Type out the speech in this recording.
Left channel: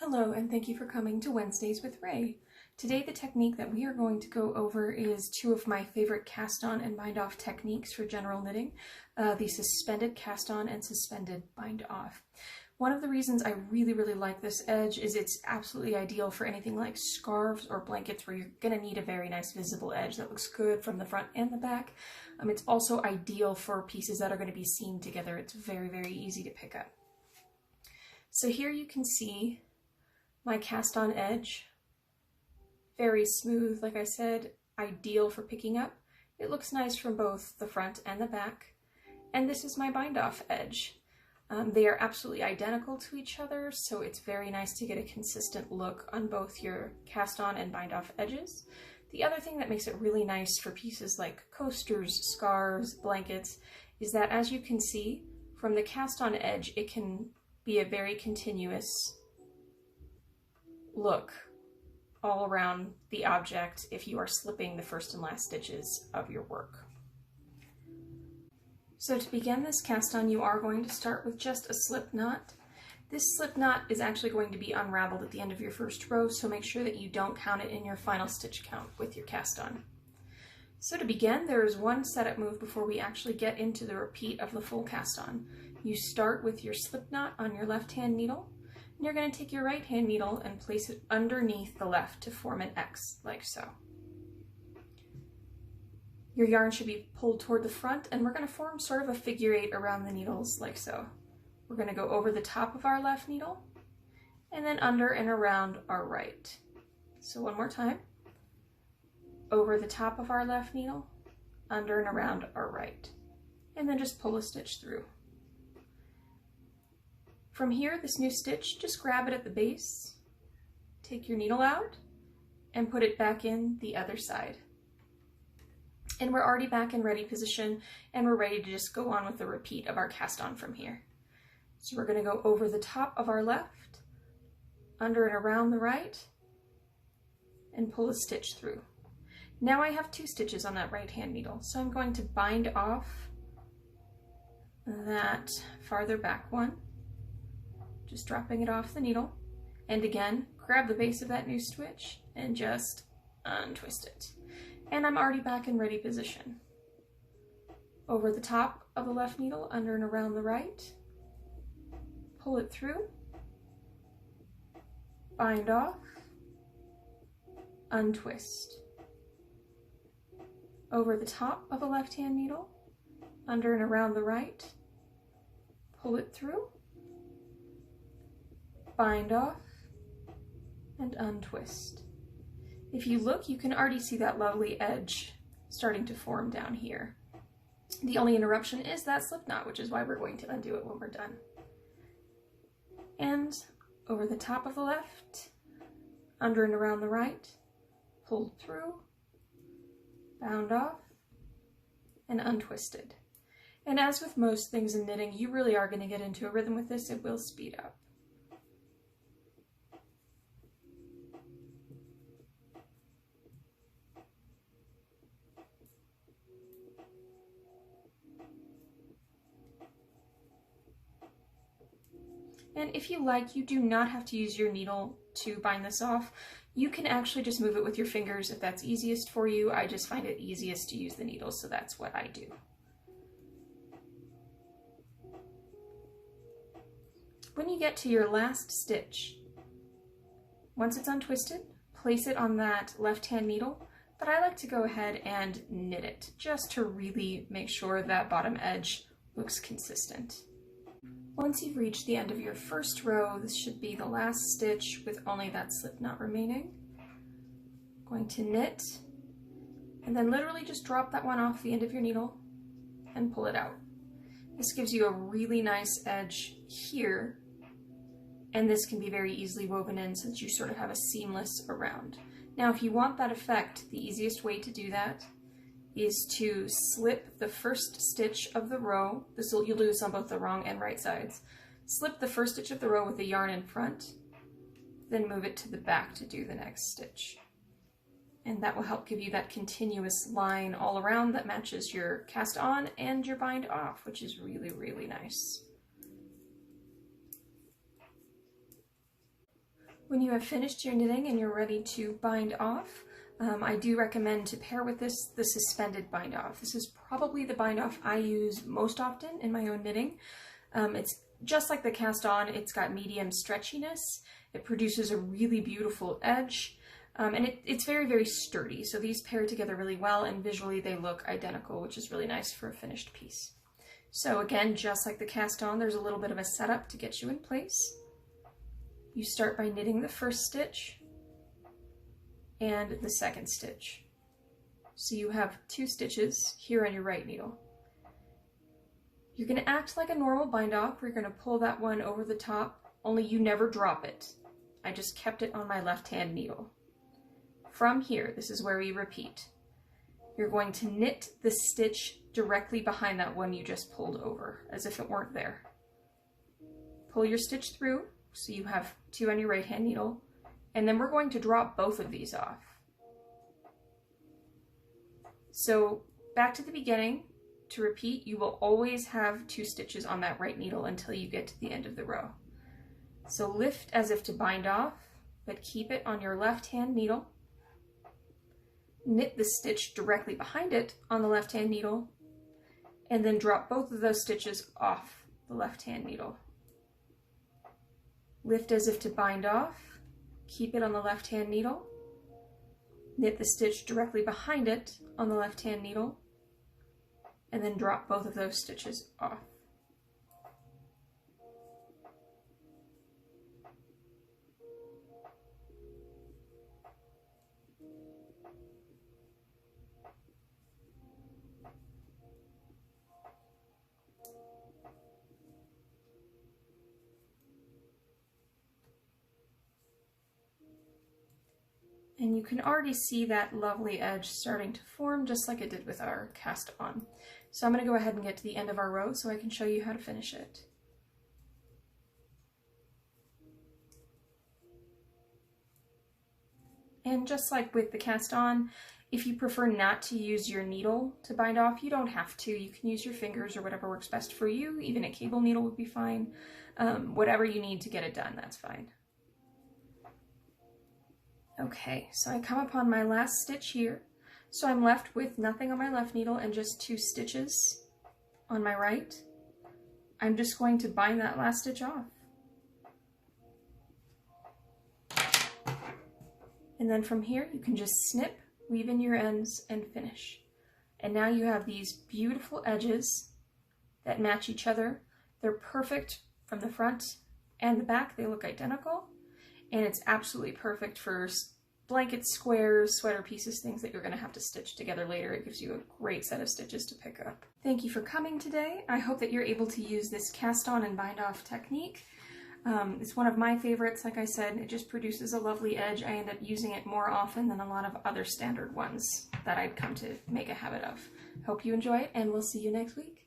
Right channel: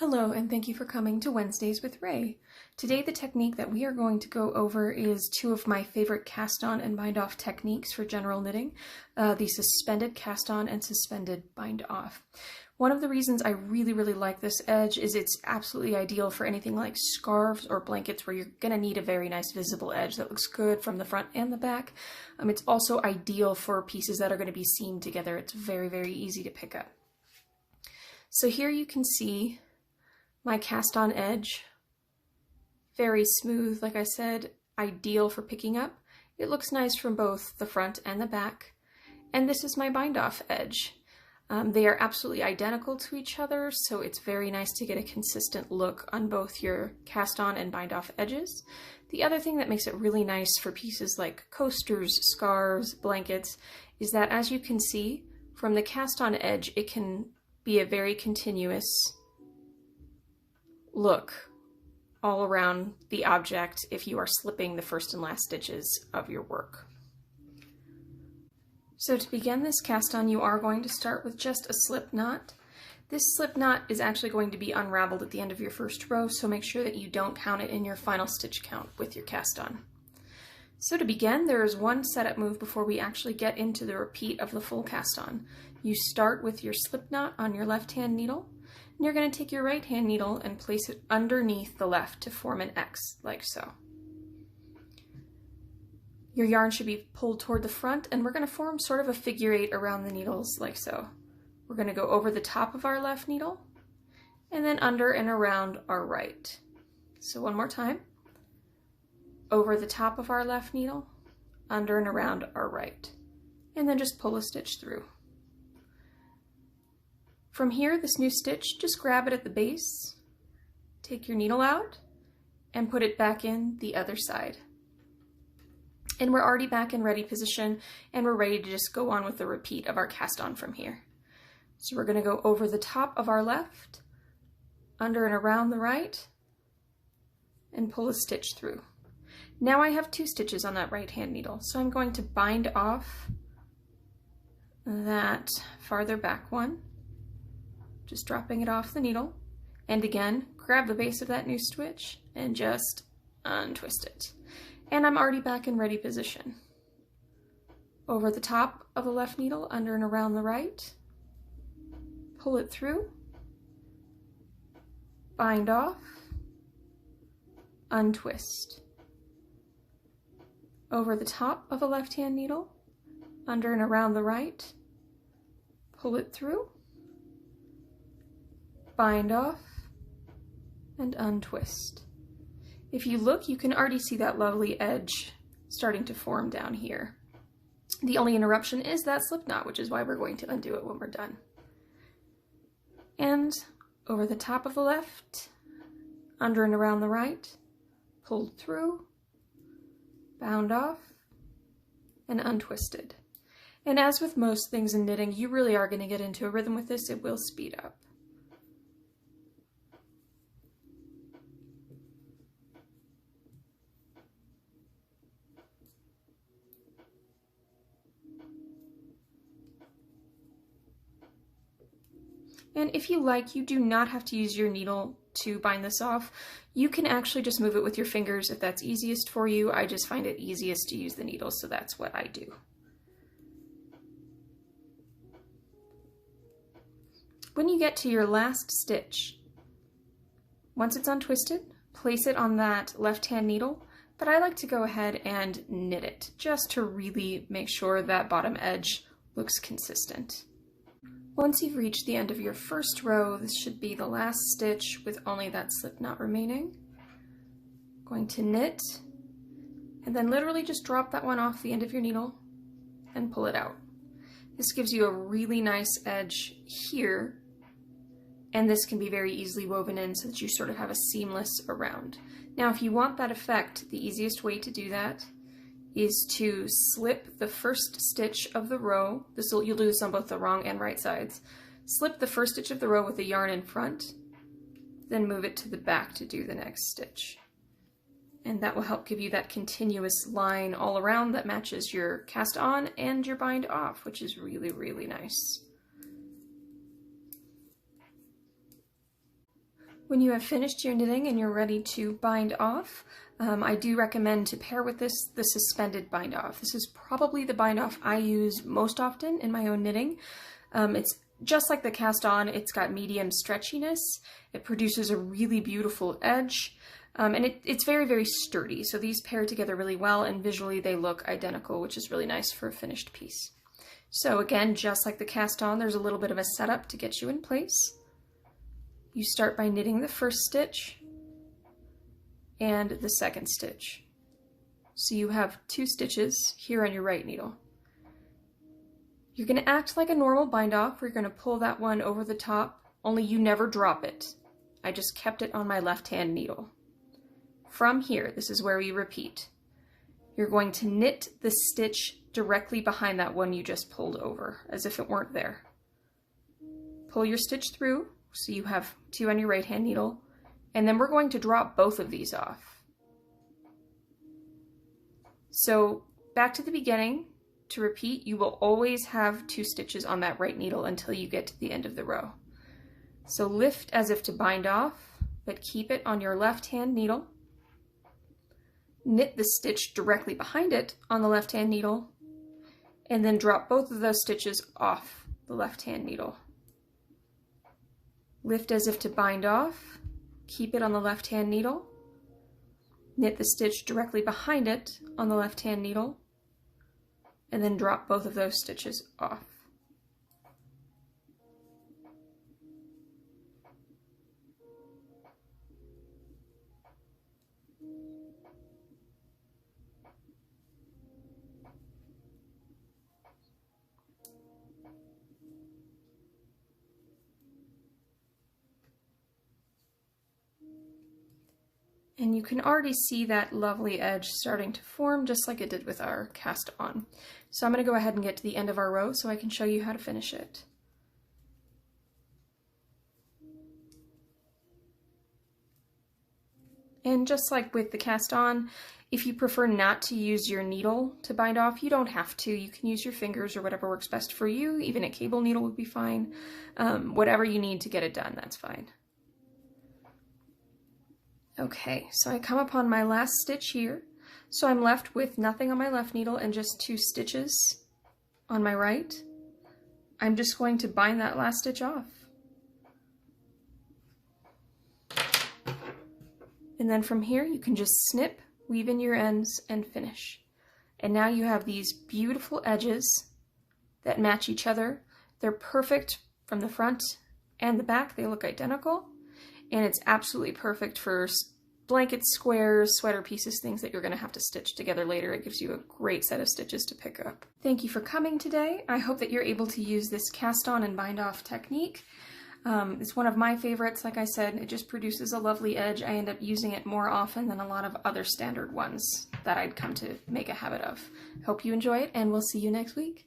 Hello, and thank you for coming to Wednesdays with Ray. Today the technique that we are going to go over is two of my favorite cast-on and bind-off techniques for general knitting, the suspended cast-on and suspended bind-off. One of the reasons I really like this edge is it's absolutely ideal for anything like scarves or blankets where you're going to need a very nice visible edge that looks good from the front and the back. It's also ideal for pieces that are going to be seamed together. It's very easy to pick up. So here you can see my cast-on edge, very smooth, like I said, ideal for picking up. It looks nice from both the front and the back. And this is my bind-off edge. They are absolutely identical to each other, so it's very nice to get a consistent look on both your cast-on and bind-off edges. The other thing that makes it really nice for pieces like coasters, scarves, blankets, is that as you can see, from the cast-on edge, it can be a very continuous look all around the object if you are slipping the first and last stitches of your work. So to begin this cast on, you are going to start with just a slip knot. This slip knot is actually going to be unraveled at the end of your first row, so make sure that you don't count it in your final stitch count with your cast on. So to begin, there is one setup move before we actually get into the repeat of the full cast on. You start with your slip knot on your left hand needle. And you're going to take your right hand needle and place it underneath the left to form an X, like so. Your yarn should be pulled toward the front, and we're going to form sort of a figure 8 around the needles, like so. We're going to go over the top of our left needle, and then under and around our right. So one more time. Over the top of our left needle, under and around our right. And then just pull a stitch through. From here, this new stitch, just grab it at the base, take your needle out, and put it back in the other side. And we're already back in ready position, and we're ready to just go on with the repeat of our cast on from here. So we're going to go over the top of our left, under and around the right, and pull a stitch through. Now I have 2 stitches on that right hand needle, so I'm going to bind off that farther back one, just dropping it off the needle, and again, grab the base of that new stitch and just untwist it. And I'm already back in ready position. Over the top of the left needle, under and around the right, pull it through, bind off, untwist. Over the top of a left hand needle, under and around the right, pull it through, bind off, and untwist. If you look, you can already see that lovely edge starting to form down here. The only interruption is that slip knot, which is why we're going to undo it when we're done. And over the top of the left, under and around the right, pulled through, bound off, and untwisted. And as with most things in knitting, you really are going to get into a rhythm with this. It will speed up. And if you like, you do not have to use your needle to bind this off. You can actually just move it with your fingers if that's easiest for you. I just find it easiest to use the needle, so that's what I do. When you get to your last stitch, once it's untwisted, place it on that left-hand needle, but I like to go ahead and knit it just to really make sure that bottom edge looks consistent. Once you've reached the end of your first row, this should be the last stitch with only that slip knot remaining. Going to knit, and then literally just drop that one off the end of your needle and pull it out. This gives you a really nice edge here, and this can be very easily woven in so that you sort of have a seamless around. Now, if you want that effect, the easiest way to do that is to slip the first stitch of the row. You'll do this on both the wrong and right sides. Slip the first stitch of the row with the yarn in front, then move it to the back to do the next stitch. And that will help give you that continuous line all around that matches your cast on and your bind off, which is really nice. When you have finished your knitting and you're ready to bind off, I do recommend to pair with this the suspended bind off. This is probably the bind off I use most often in my own knitting. It's just like the cast on, it's got medium stretchiness. It produces a really beautiful edge, and it's very, very sturdy. So these pair together really well, and visually they look identical, which is really nice for a finished piece. So again, just like the cast on, there's a little bit of a setup to get you in place. You start by knitting the first stitch and the second stitch. So you have 2 stitches here on your right needle. You're going to act like a normal bind off. We're going to pull that one over the top, only you never drop it. I just kept it on my left hand needle. From here, this is where we repeat. You're going to knit the stitch directly behind that one you just pulled over, as if it weren't there. Pull your stitch through, so you have 2 on your right hand needle, and then we're going to drop both of these off. So back to the beginning, to repeat, you will always have 2 stitches on that right needle until you get to the end of the row. So lift as if to bind off, but keep it on your left hand needle. Knit the stitch directly behind it on the left hand needle, and then drop both of those stitches off the left hand needle. Lift as if to bind off, keep it on the left hand needle, knit the stitch directly behind it on the left hand needle, and then drop both of those stitches off. And you can already see that lovely edge starting to form just like it did with our cast on. So I'm going to go ahead and get to the end of our row so I can show you how to finish it. And just like with the cast on, if you prefer not to use your needle to bind off, you don't have to. You can use your fingers or whatever works best for you. Even a cable needle would be fine. Whatever you need to get it done, that's fine. Okay, so I come upon my last stitch here. So I'm left with nothing on my left needle and just 2 stitches on my right. I'm just going to bind that last stitch off. And then from here, you can just snip, weave in your ends, and finish. And now you have these beautiful edges that match each other. They're perfect from the front and the back. They look identical. And it's absolutely perfect for blankets, squares, sweater pieces, things that you're going to have to stitch together later. It gives you a great set of stitches to pick up. Thank you for coming today. I hope that you're able to use this cast on and bind off technique. It's one of my favorites. Like I said, it just produces a lovely edge. I end up using it more often than a lot of other standard ones that I'd come to make a habit of. Hope you enjoy it, and we'll see you next week.